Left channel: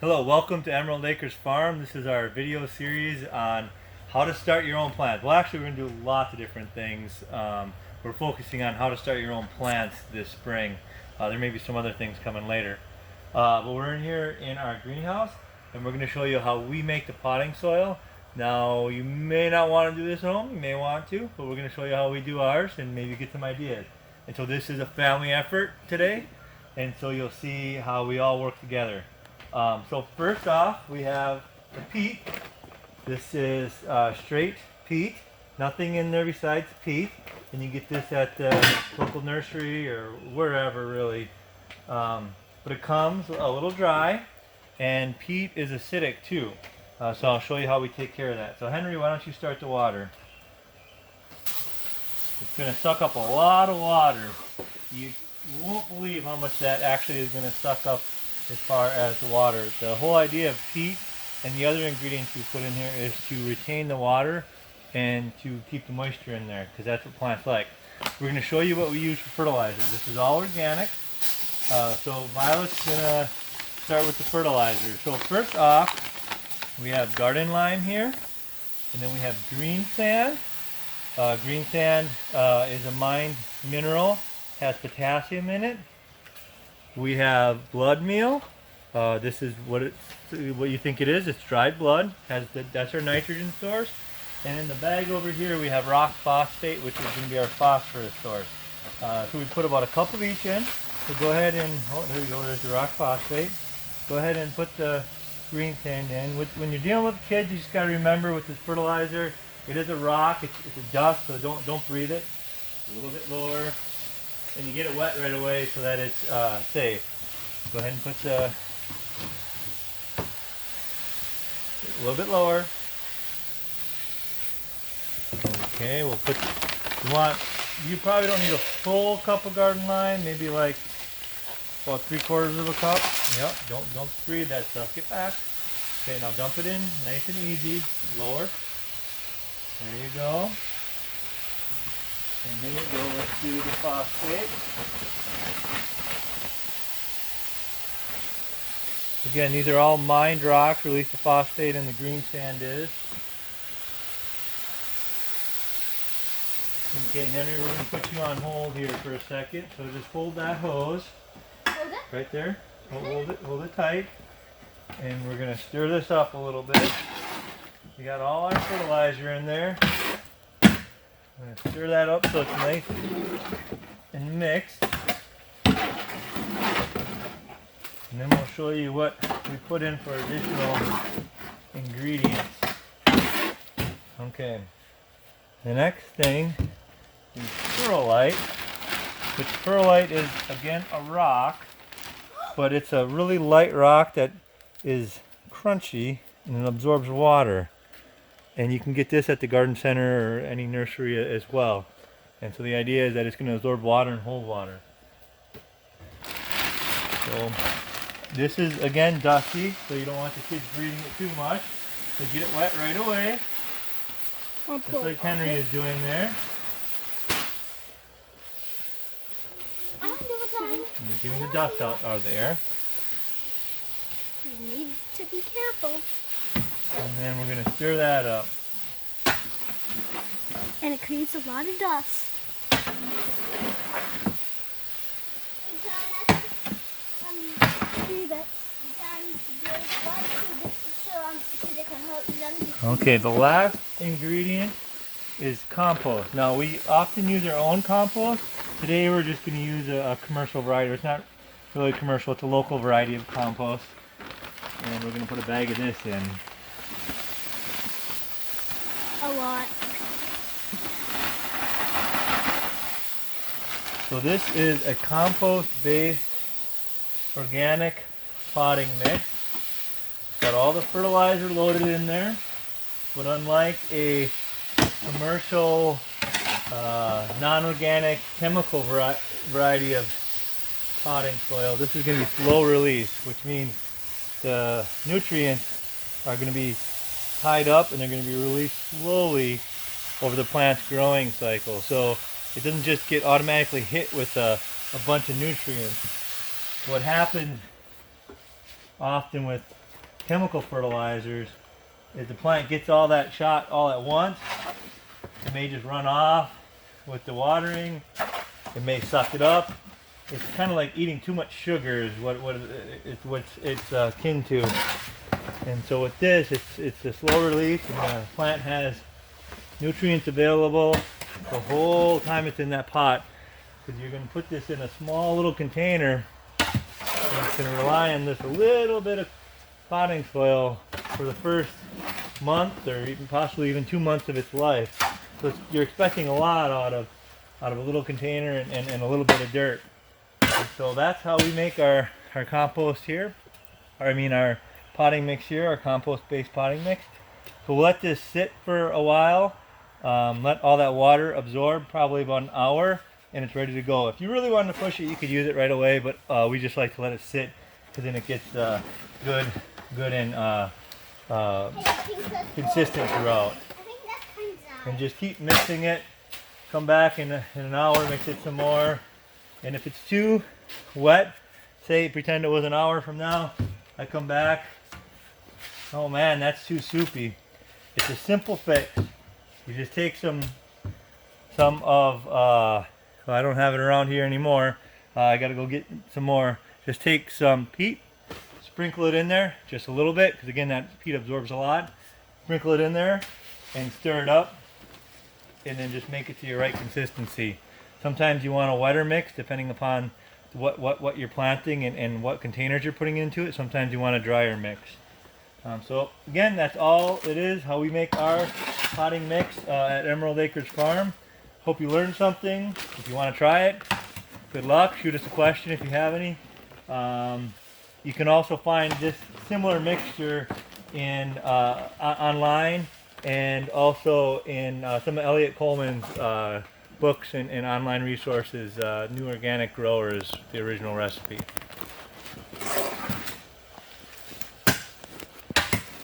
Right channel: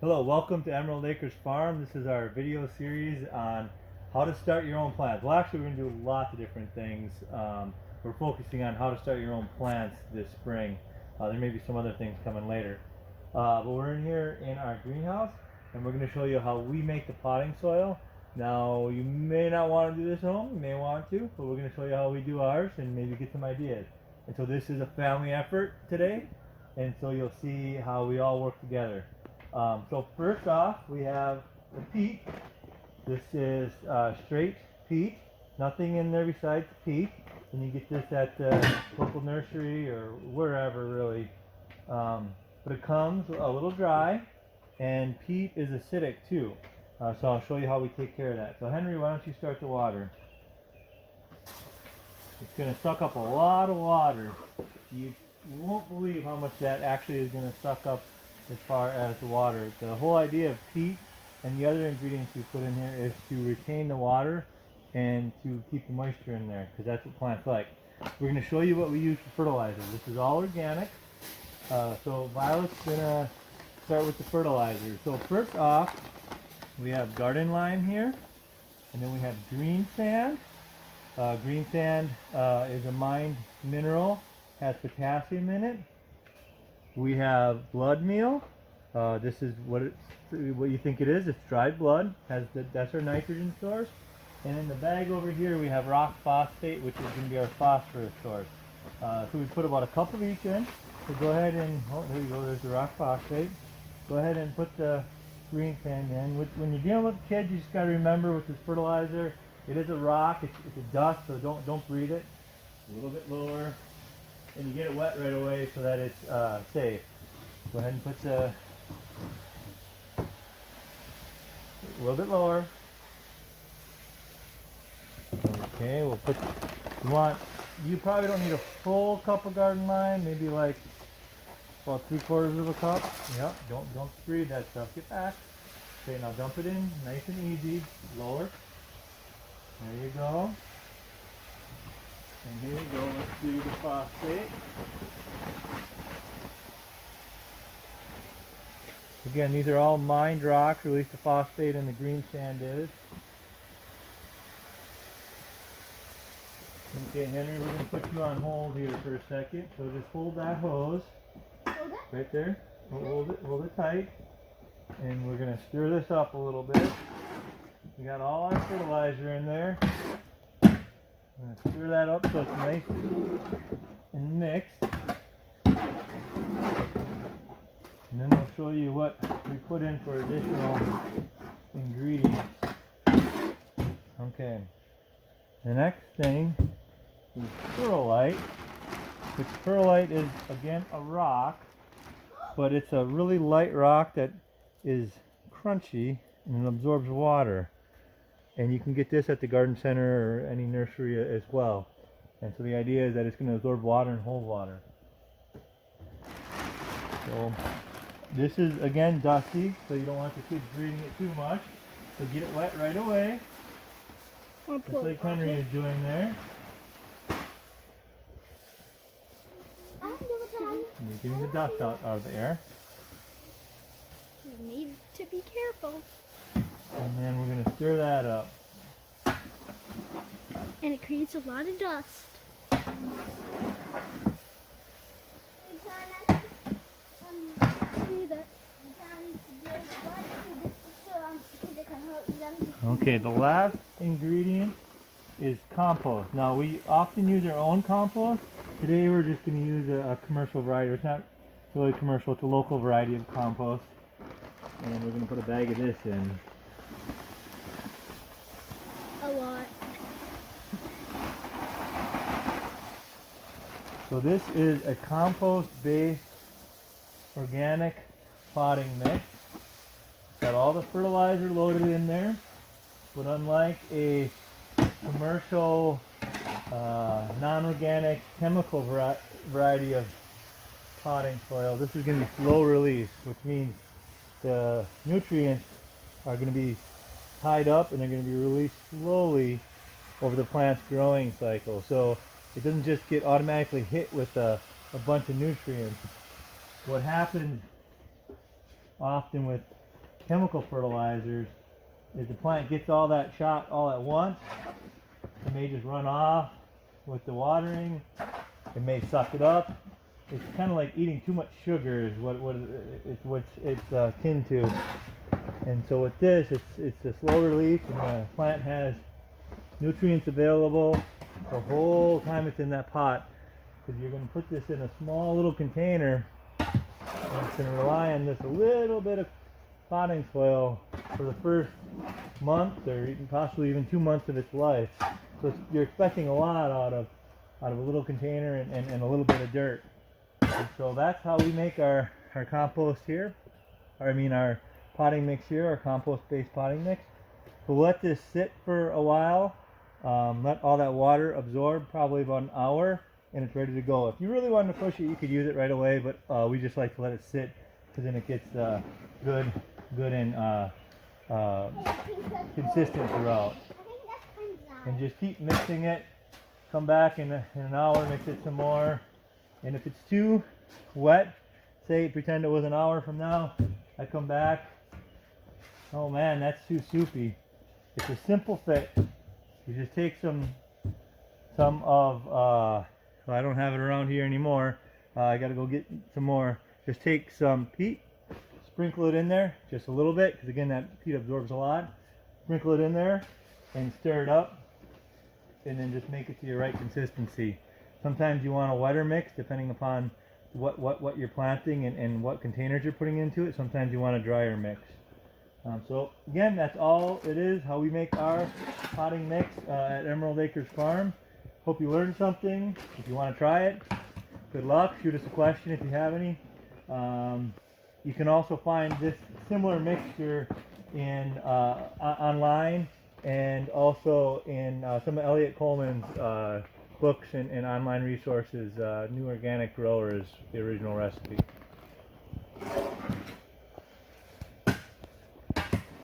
Hello, welcome to Emerald Acres Farm. This is our video series on how to start your own plants. Well, actually, we're going to do lots of different things. We're focusing on how to start your own plants this spring. There may be some other things coming later. But we're in here in our greenhouse, and we're going to show you how we make the potting soil. Now, you may not want to do this at home, you may want to, but we're going to show you how we do ours and maybe get some ideas. And so this is a family effort today, and so you'll see how we all work together. So first off, we have the peat. This is straight peat, nothing in there besides peat. And you get this at the local nursery or wherever really. But it comes a little dry, and peat is acidic too. So I'll show you how we take care of that. So Henry, why don't you start the water? It's going to suck up a lot of water. You won't believe how much that actually is going to suck up as far as the water. The whole idea of peat and the other ingredients we put in here is to retain the water and to keep the moisture in there, because that's what plants like. We're going to show you what we use for fertilizer. This is all organic. So Violet's going to start with the fertilizer. So first off, we have garden lime here, and then we have greensand. Greensand is a mined mineral, has potassium in it. We have blood meal. This is what you think it is. It's dried blood. That's our nitrogen source. And in the bag over here we have rock phosphate, which is going to be our phosphorus source. So we put about a cup of each in. So go ahead and, oh, there you go, there's the rock phosphate. Go ahead and put the greensand in. When you're dealing with kids, you just got to remember with this fertilizer, it is a rock, it's a dust, so don't breathe it. A little bit lower. And you get it wet right away so that it's safe. Go ahead and put a little bit lower. Okay, we'll put, you probably don't need a full cup of garden lime, maybe like about 3/4 of a cup. Yep, don't breathe that stuff. Get back. Okay, now dump it in nice and easy. Lower. There you go. And here we go, let's do the phosphate. Again, these are all mined rocks, or at least the phosphate and the greensand is. Okay, Henry, we're going to put you on hold here for a second. So just hold that hose. Hold it? Right there. Hold it tight. And we're going to stir this up a little bit. We got all our fertilizer in there. I'm going to stir that up so it's nice and mixed. And then we'll show you what we put in for additional ingredients. Okay. The next thing is perlite, which perlite is, again, a rock, but it's a really light rock that is crunchy and it absorbs water. And you can get this at the garden center or any nursery as well. And so the idea is that it's going to absorb water and hold water. So this is, again, dusty, so you don't want the kids breathing it too much. So get it wet right away. Just like Henry is doing there. And you're getting the dust out of the air. You need to be careful. And then we're going to stir that up. And it creates a lot of dust. Okay, the last ingredient is compost. Now, we often use our own compost. Today we're just going to use a commercial variety. It's not really commercial, it's a local variety of compost. And we're going to put a bag of this in. A lot. So this is a compost-based organic potting mix. It's got all the fertilizer loaded in there, but unlike a commercial non-organic chemical variety of potting soil, this is going to be slow release, which means the nutrients are going to be tied up and they're going to be released slowly over the plant's growing cycle. So it doesn't just get automatically hit with a bunch of nutrients. What happens often with chemical fertilizers is the plant gets all that shot all at once. It may just run off with the watering. It may suck it up. It's kind of like eating too much sugar is what it's akin to. And so with this, it's a slow release, and the plant has nutrients available the whole time it's in that pot. Because you're going to put this in a small little container, and it's going to rely on this a little bit of potting soil for the first month, or even possibly even 2 months of its life. So you're expecting a lot out of a little container and a little bit of dirt. And so that's how we make our compost here. Our potting mix here, our compost-based potting mix. So we'll let this sit for a while, let all that water absorb, probably about an hour, and it's ready to go. If you really wanted to push it, you could use it right away, but we just like to let it sit, because then it gets good and consistent throughout. And just keep mixing it. Come back in an hour, mix it some more. And if it's too wet, pretend it was an hour from now, I come back, oh man, that's too soupy. It's a simple fix. You just take some of, I don't have it around here anymore. I gotta go get some more. Just take some peat, sprinkle it in there, just a little bit, because again, that peat absorbs a lot. Sprinkle it in there and stir it up, and then just make it to your right consistency. Sometimes you want a wetter mix, depending upon what you're planting and what containers you're putting into it. Sometimes you want a drier mix. So again, that's all it is, how we make our potting mix at Emerald Acres Farm. Hope you learned something. If you want to try it, good luck. Shoot us a question if you have any. You can also find this similar mixture in online, and also in some of Elliot Coleman's books and online resources. New Organic Growers, the original recipe.